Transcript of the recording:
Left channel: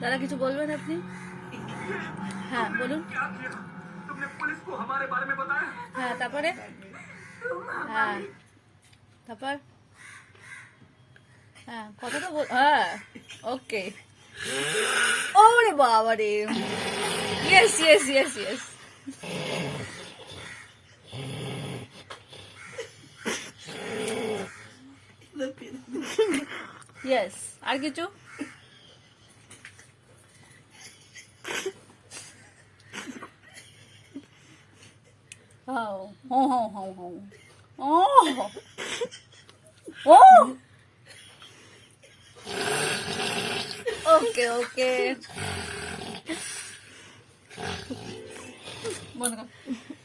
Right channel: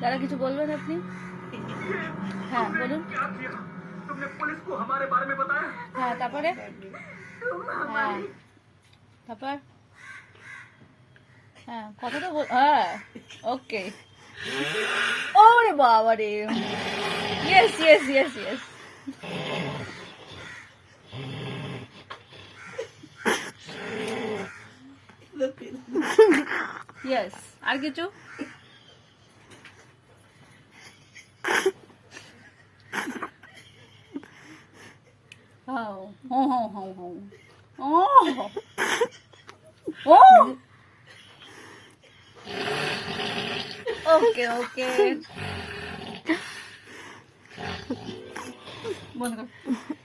দাদা কিছু বলবেন আপনি? হ্যাঁ বলুন। तुमने पुलिस को हमारे बारे में बताया? হ্যাঁ তারপরে? হ্যাঁ তারপর? হ্যাঁ কথাটা বল। হ্যাঁ ওকে। ওরে বাবা রে, yes yes yes yes. Yes, আর কিছু? Oh, oh, oh, oh, oh. Oh. Oh. Okay, okay. বন্ধ কর।